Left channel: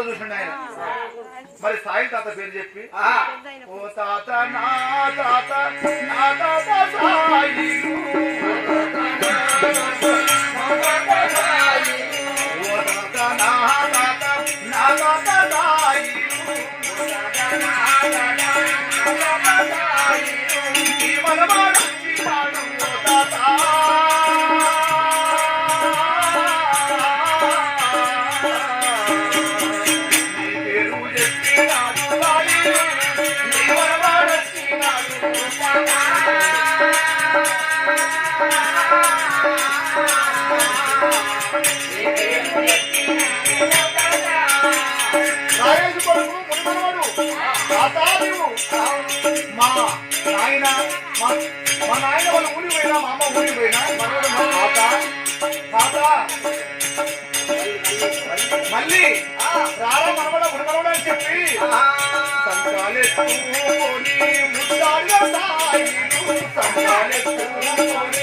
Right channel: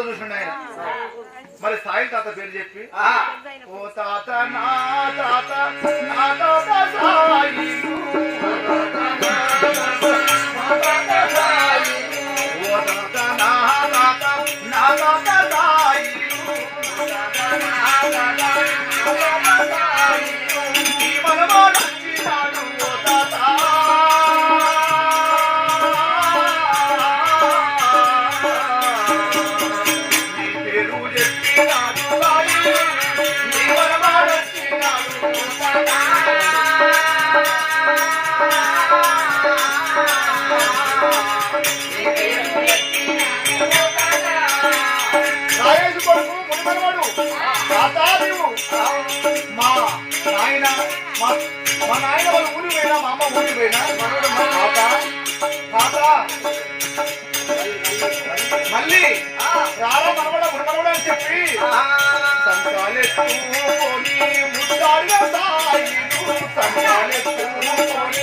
కళ్ళతో చూసిన ఆయన. మరి సాయి తాత పేరు చెప్పి? ఓ తాత నా తాత నా తాత సాయి. మా నాయన వాళ్ళ ఊరికి పోయినా మా అమ్మ ఊరికి పోయినా మనోడు మా తాత. తాత. మళ్ళీ రారా మనవడ మునిమనవాడు అని చెప్పి. సంకాలెత్తుకొని ముద్దాడుగా సాయిలు సంకాలెత్తుకొని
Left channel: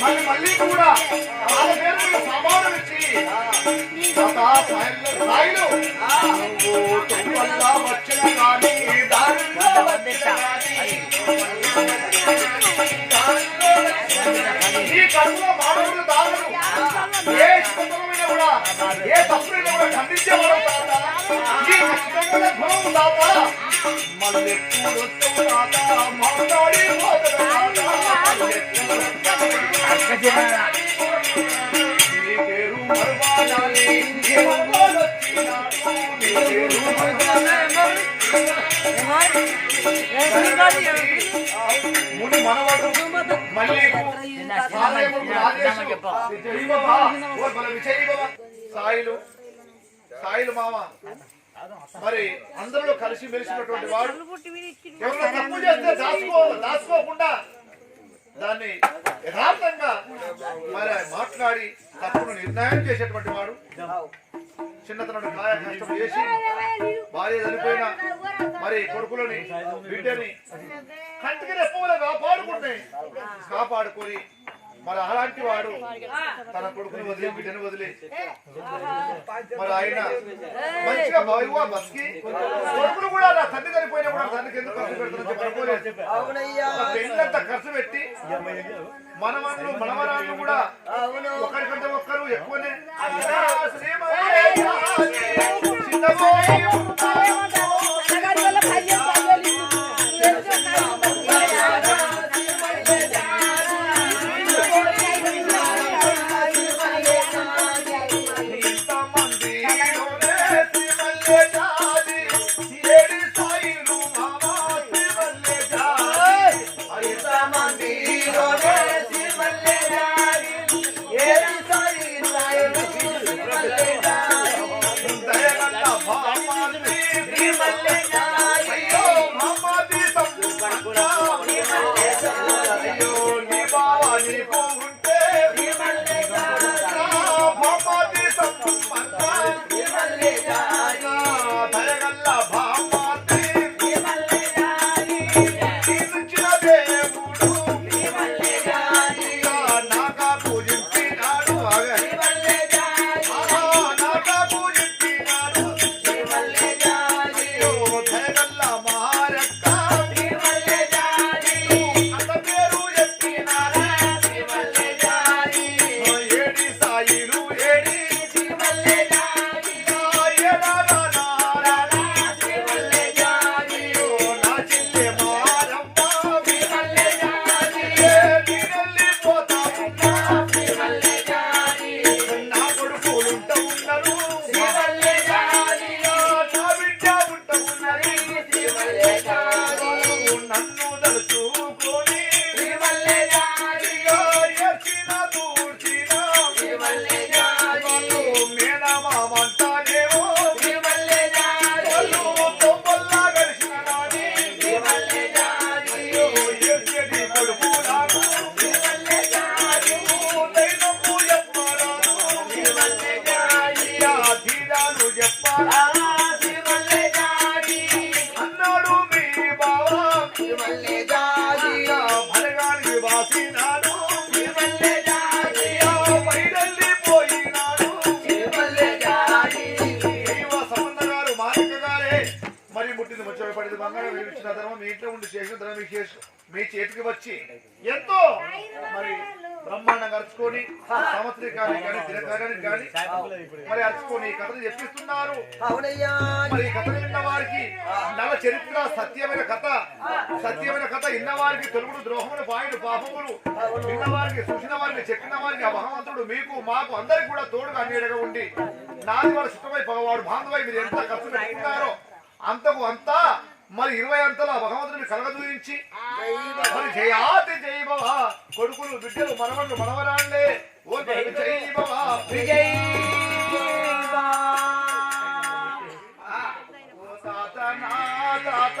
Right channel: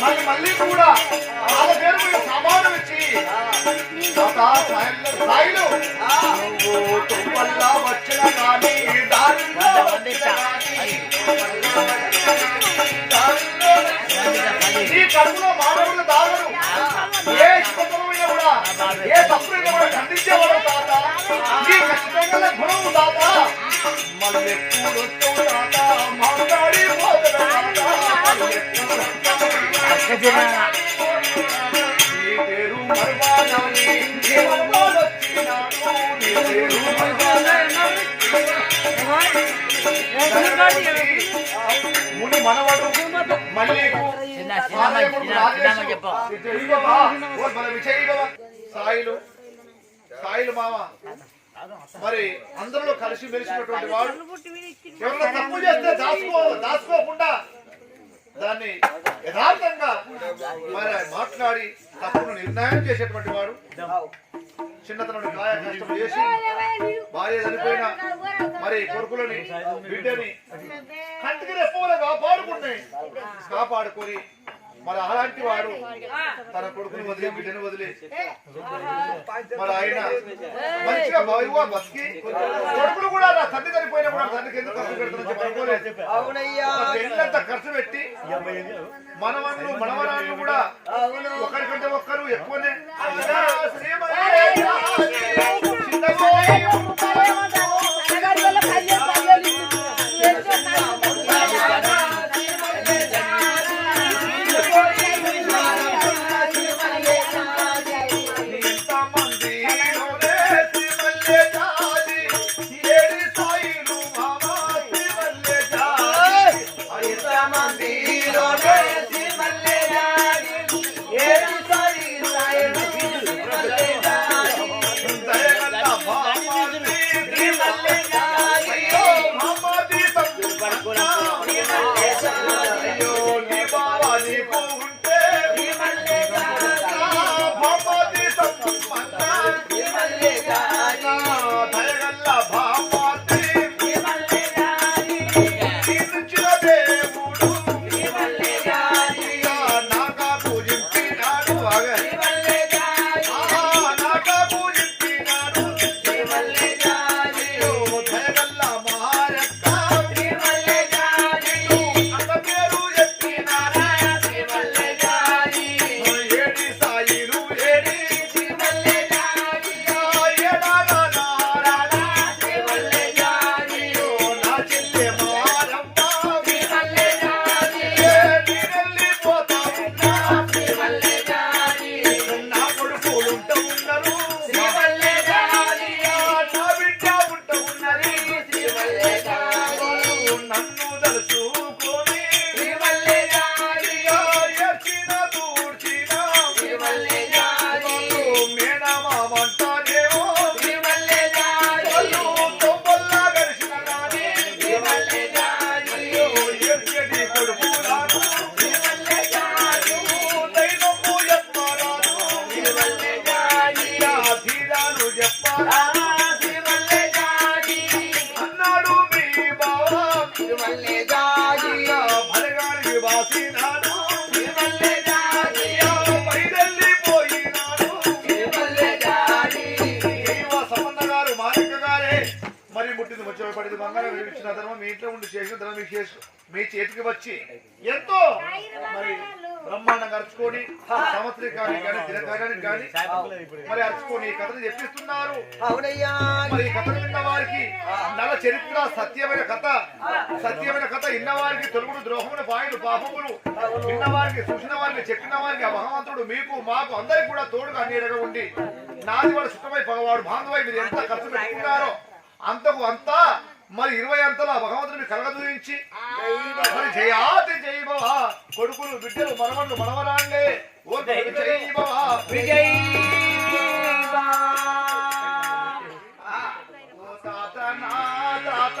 మళ్ళీ మళ్ళీ కూడా వాళ్ళ పేరు మీద సమానం ఇచ్చి తాత సాయిలు వచ్చిన కానీ దారిలో వచ్చిన కానీ దారిలో కడుపులో మానవులు దారులు ఏ స్పందనమైనా కూడా ఏ తప్పులైనా కూడా ఖండించేవాడు తాత? నీ ఖచ్చితంగా గుణం తాత. మళ్ళెప్పుడు తాత మాట్లాడి నీ పేరు నీ నీ పేరు ముని మనవడు మల్లికు సాయిలు సాయిలు మామ మరి అందరిలో కలిసి మెలిసినటువంటి వాడు ఎవరైనా తప్పు చేస్తే దాచుకో దాచుకోకుండా దాన్ని యథార్థంగా మరి మాట్లాడి తప్పును నిర్ణయం చేసేటువంటి వాడు. చిన్నతనం కాయ కష్టం చేసి భార్య చనిపోయిన మరి కొడుకులని బిడ్డని కంటికి రెప్పవలే కాపాడుకుని కాపాడుకొని మరి అలాంటి వాడు తన కొడుకుని వదిలి బిడ్డని వదిలి మరి ఆయన మంచిగా బాగుగా బతికి కొడుకులు కూడా నా తండ్రి చనిపోయినా కూడా తండ్రికి ఎందుకు ఖర్చు పెడతానని అనుకోలేదు. పెళ్ళంతా ఖర్చు పెట్టి మనవన్లు మనవరాళ్ళు కూడా ఒకరికంటే ఒక్కరు ఎక్కువనే ¡Vale! పడింది బంగారం విడిపించిన ధర్మం మీ ఇంట్లో ఉండి చేసిన ధర్మం మీ చేతికి వచ్చి. ఎంతో? మరి బ్రహ్మాండంగా అరుచుకొని సంవత్సరికానికి కానీ దినకార్యానికి కానీ మరి అరుచుకొని ఈ కథను చెప్పిస్తున్నారు. అవునయ్యా. మరి ఈ కథను విన్న వారికి నల చరిత్ర సత్యమైన కథ సత్యమైన కథ ఇన్న వారికి తొలుగుడు ద్రోహములు పాయుడు పాపములు విన్న వారికి చూసిన వారికి చెప్పిన వారికి ఆ భగవంతుడు మీకు మాకు అందరికి కూడా తోడుగా నీడగా ఉండి నాది వాళ్ళ చుట్టమై పగవాడు బాంధవై మీరు ఎంత ఖర్చు పెట్టుకున్నారో అంతకు అంతా మరి ఇరవై అంతలో ఆ భగవంతుడిని కలగదూయించి మరి జయాతి జై భవ కొడుకులు బిడ్డలు మనవళ్ళు మనవరాళ్ళే ఓ జై భవ విజయ్ ఓ నా తాత